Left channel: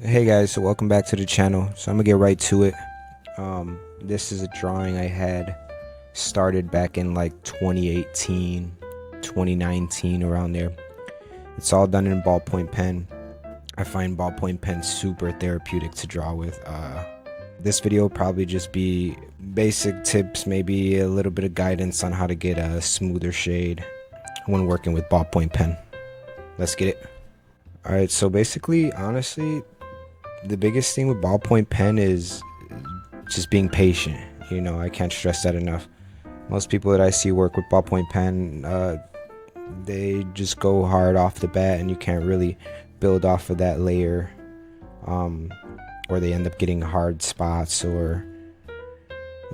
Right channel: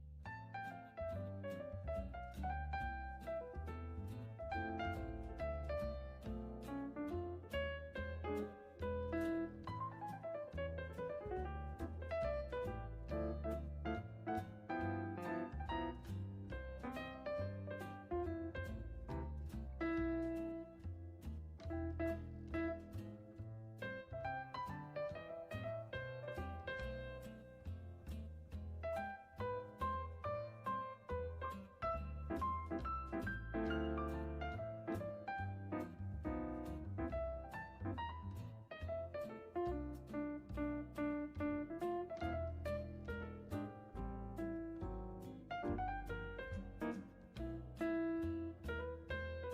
Hey guys, so welcome back to the channel. So I'm gonna get right to it. This is a drawing I had started back in like 2018, 2019, around there. It's all done in ballpoint pen. I find ballpoint pen super therapeutic to draw with. This video will probably just be basic tips, maybe a little bit of guidance on how to get a smoother shade when working with ballpoint pen. Let's get it. Alright, so basically, honestly, the biggest thing with ballpoint pen is just being patient. I can't stress that enough. Most people that I see work with ballpoint pen, they just go hard off the bat, and you can't really build off of that layer, or they end up getting hard spots, or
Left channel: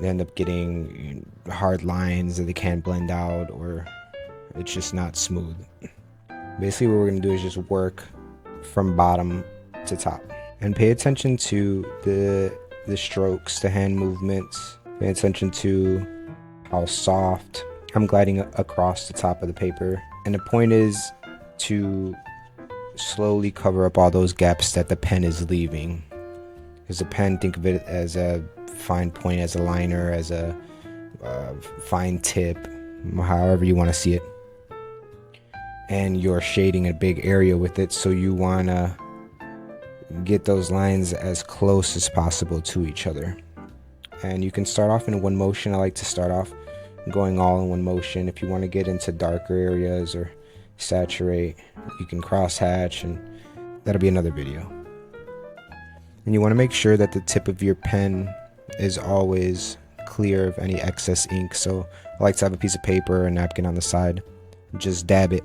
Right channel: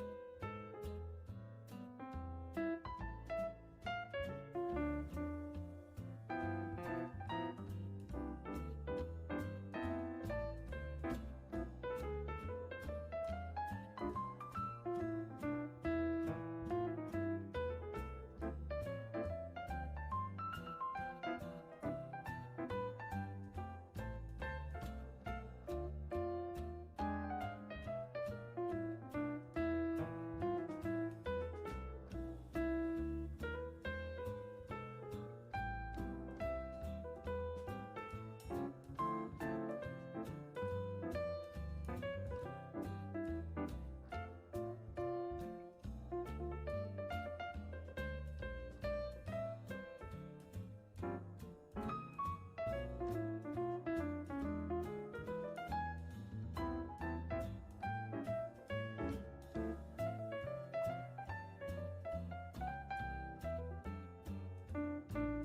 they end up getting hard lines that they can't blend out, or it's just not smooth. Basically, what we're gonna do is just work from bottom to top. And pay attention to the strokes, the hand movements. Pay attention to how soft I'm gliding across the top of the paper. And the point is to slowly cover up all those gaps that the pen is leaving. Because the pen, think of it as a fine point, as a liner, as a fine tip, however you want to see it. And you're shading a big area with it, so you want to get those lines as close as possible to each other. And you can start off in one motion. I like to start off going all in one motion. If you want to get into darker areas or saturate, you can cross hatch, and that'll be another video. And you want to make sure that the tip of your pen is always clear of any excess ink. So I like to have a piece of paper or a napkin on the side. Just dab it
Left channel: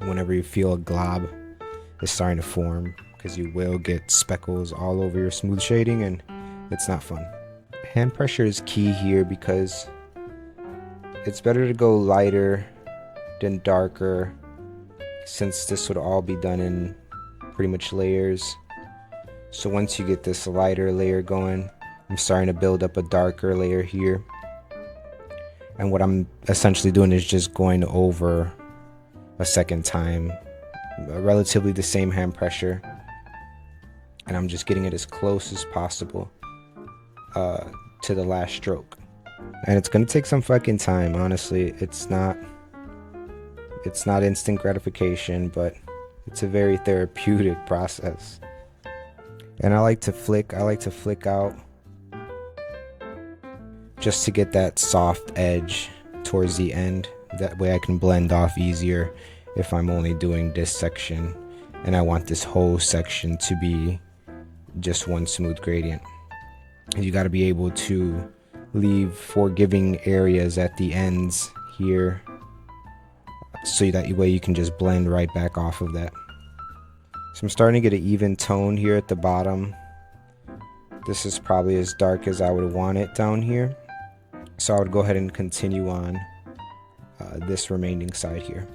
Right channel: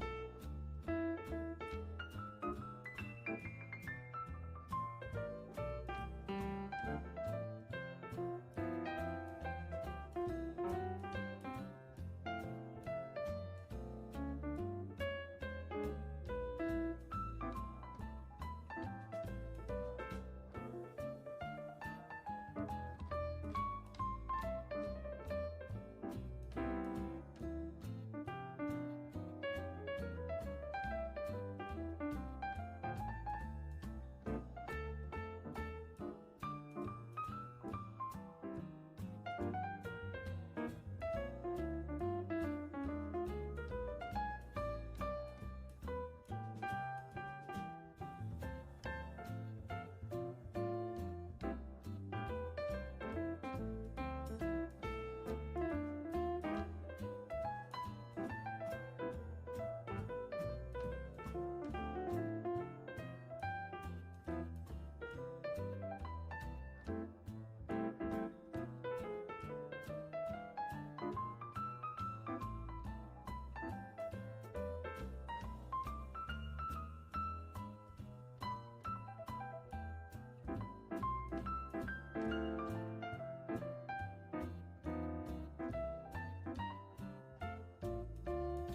whenever you feel a glob is starting to form, because you will get speckles all over your smooth shading, and it's not fun. Hand pressure is key here, because it's better to go lighter than darker, since this would all be done in pretty much layers. So once you get this lighter layer going, I'm starting to build up a darker layer here, and what I'm essentially doing is just going over a second time, relatively the same hand pressure, and I'm just getting it as close as possible to the last stroke. And it's gonna take some fucking time, honestly. It's not instant gratification, but it's a very therapeutic process. And I like to flick out just to get that soft edge towards the end. That way I can blend off easier if I'm only doing this section and I want this whole section to be just one smooth gradient. And you got to be able to leave forgiving areas at the ends here, so that way you can just blend right back off of that. So I'm starting to get an even tone here at the bottom. This is probably as dark as I would want it down here, so I would go ahead and continue on this remaining side here.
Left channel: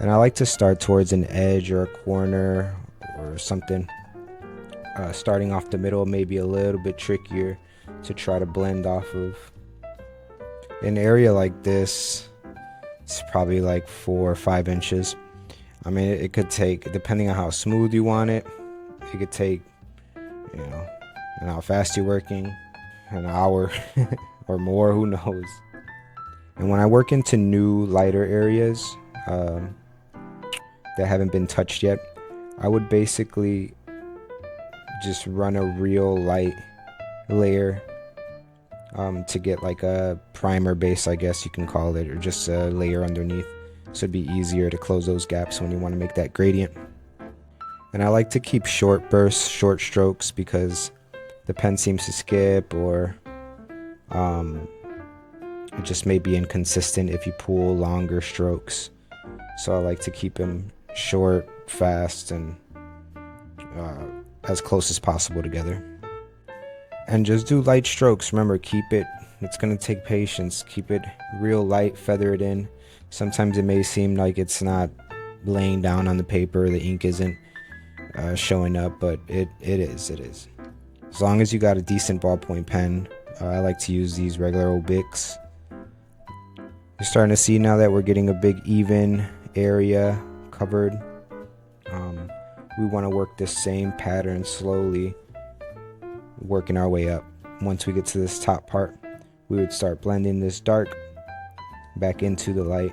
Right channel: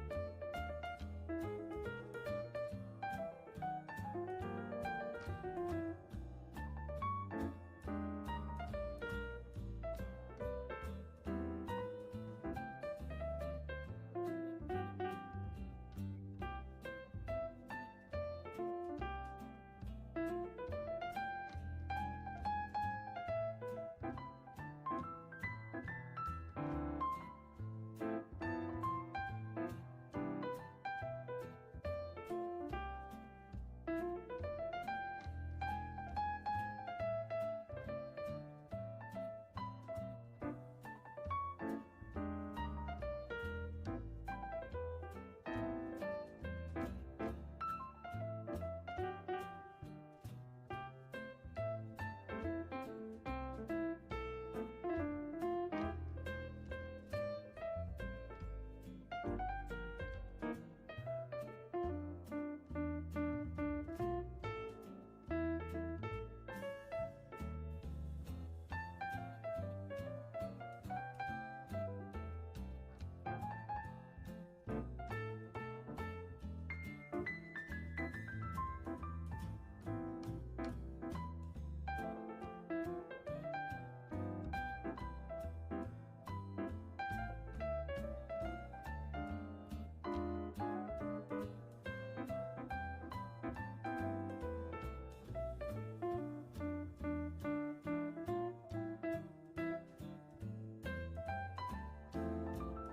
And I like to start towards an edge or a corner or something. Starting off the middle may be a little bit trickier to try to blend off of. An area like this, it's probably like 4 or 5 inches. I mean, it could take, depending on how smooth you want it, it could take, and how fast you're working, an hour or more, who knows. And when I work into new lighter areas that haven't been touched yet, I would basically just run a real light layer to get like a primer base, I guess you can call it, or just a layer underneath, so it'd be easier to close those gaps when you want to make that gradient. And I like to keep short bursts, short strokes, because the pen seems to skip, or it just may be inconsistent if you pull longer strokes. So I like to keep them short, fast, and as close as possible together. And just do light strokes. Remember, it's gonna take patience. Keep it real light, feather it in. Sometimes it may seem like it's not laying down on the paper, the ink isn't showing up, but it is. As long as you got a decent ballpoint pen. I like to use these regular old Bics. You're starting to see now that we're getting a big even area covered. we want to work the same pattern slowly, working our way up. Once we get to this top part, we would start blending this dark back into the light,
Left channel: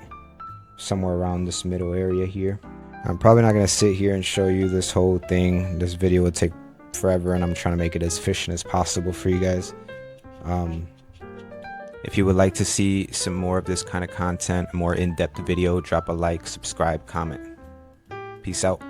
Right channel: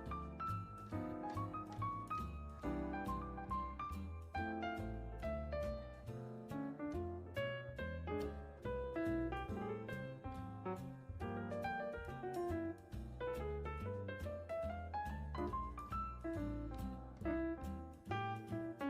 somewhere around this middle area here. I'm probably not going to sit here and show you this whole thing. This video would take forever, and I'm trying to make it as efficient as possible for you guys. If you would like to see some more of this kind of content, a more in-depth video, drop a like, subscribe, comment. Peace out.